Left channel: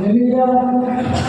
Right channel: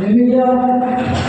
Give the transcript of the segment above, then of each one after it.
Aleluia.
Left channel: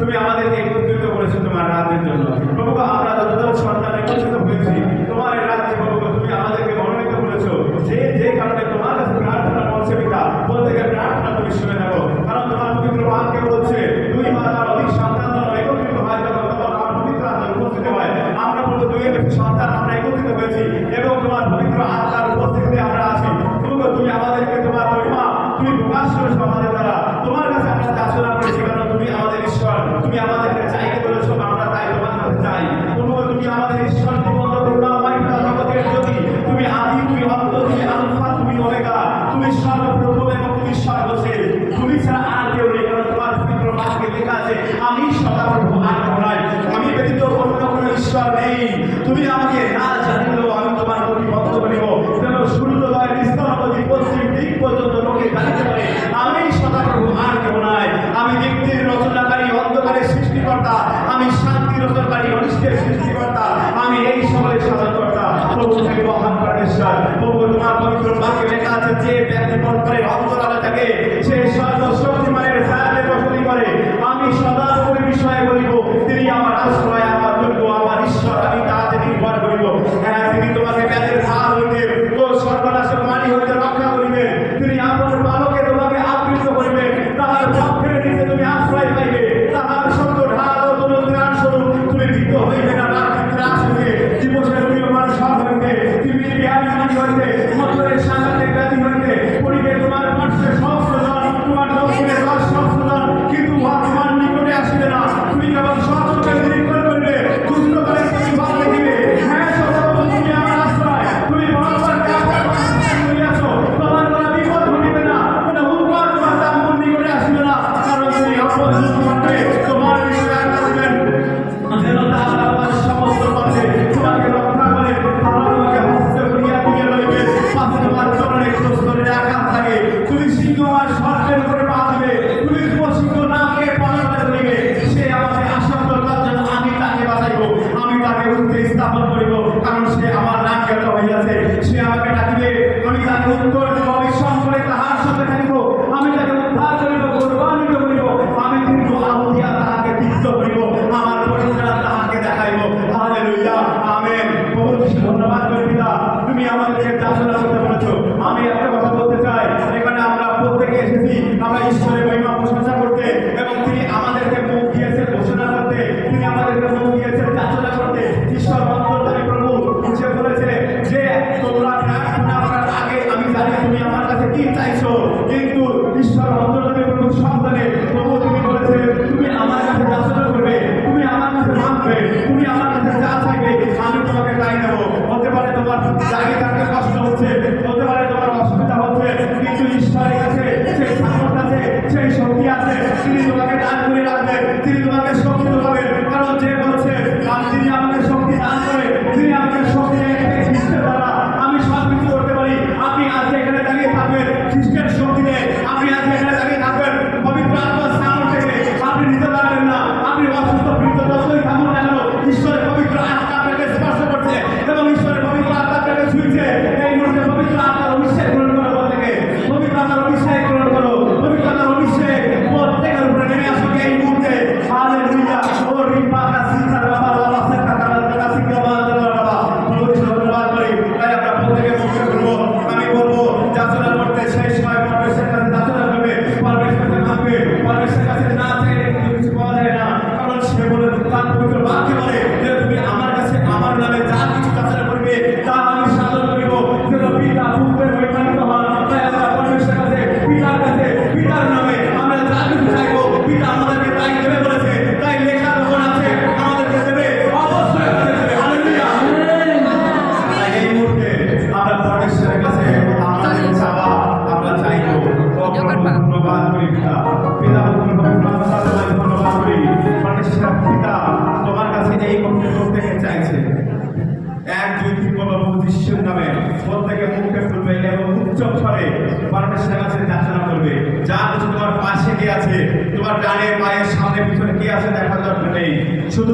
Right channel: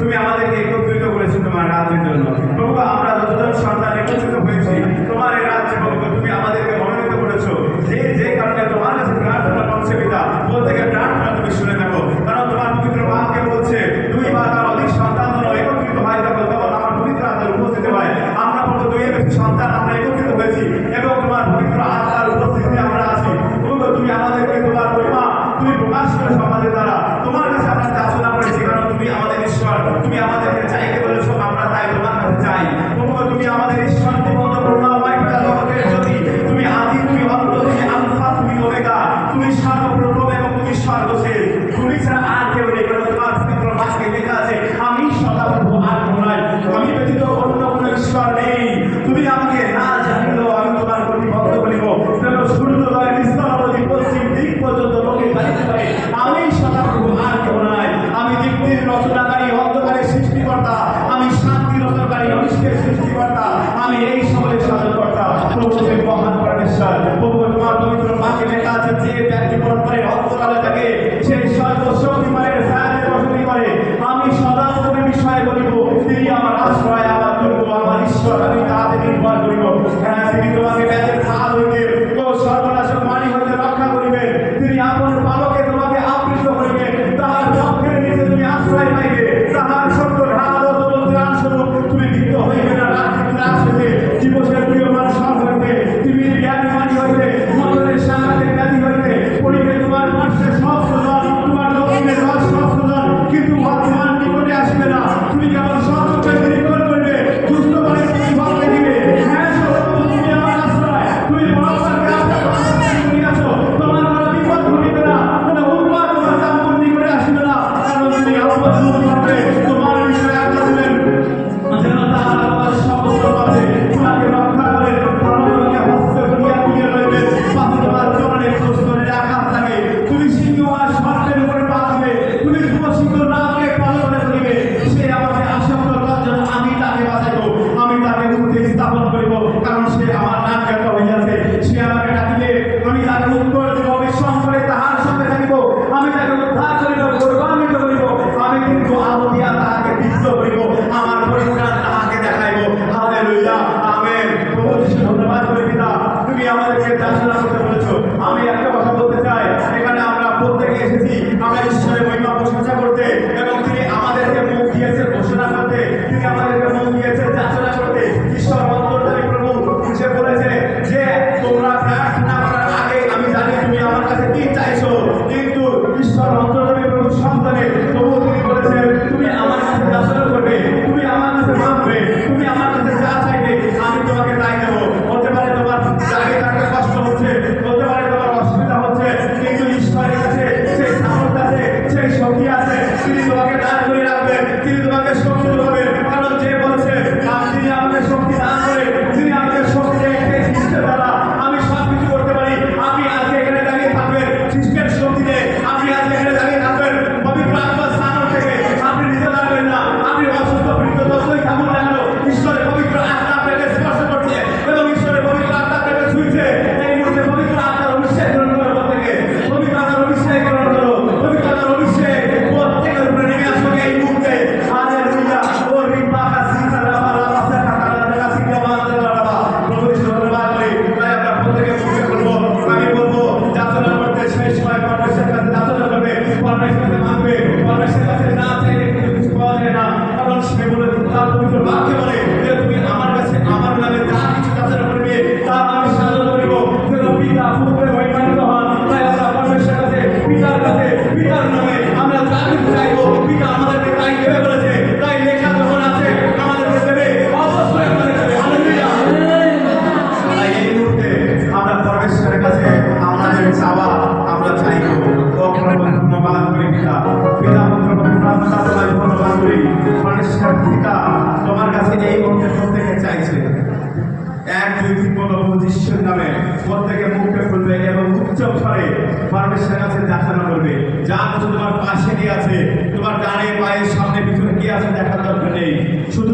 তুমি আমাদেরকে একত্রিত করেছ তোমার রাতের জন্য। প্রভু আমরা যতটা সন্তান একত্রিত হয়েছি প্রফেশন আছে দেখাশোনা করবে। যার হচ্ছে তোমার পাশে কি আছে। তোমার ডানে পায়ের সামনে পিছনে কি আছে দেখার দরকার নেই। শুধু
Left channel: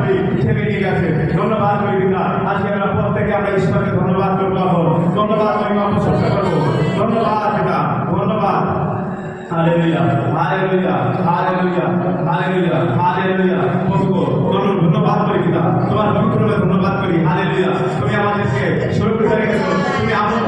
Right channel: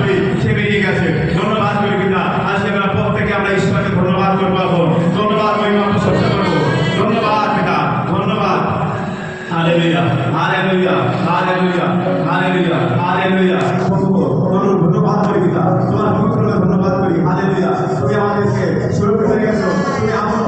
করি সে বেরিয়ে গেছে। ধন্যবাদ করি পিতা আজকে আমরা প্রত্যেকে আমরা ঈশ্বরকে ধন্যবাদ করব ধন্যবাদ মহিমা আমরা সত্য করব। ধন্যবাদ পিতা ধন্যবাদ। আরে লইয়া আরে লইয়া আরে লইয়া আরে লইয়া আরে লইয়া ধন্যবাদ করি পিতা তোমার পবিত্রকে ধন্যবাদ করি। আরে লইয়া তুমি আমাদেরকে সুরক্ষিত তুমি আমার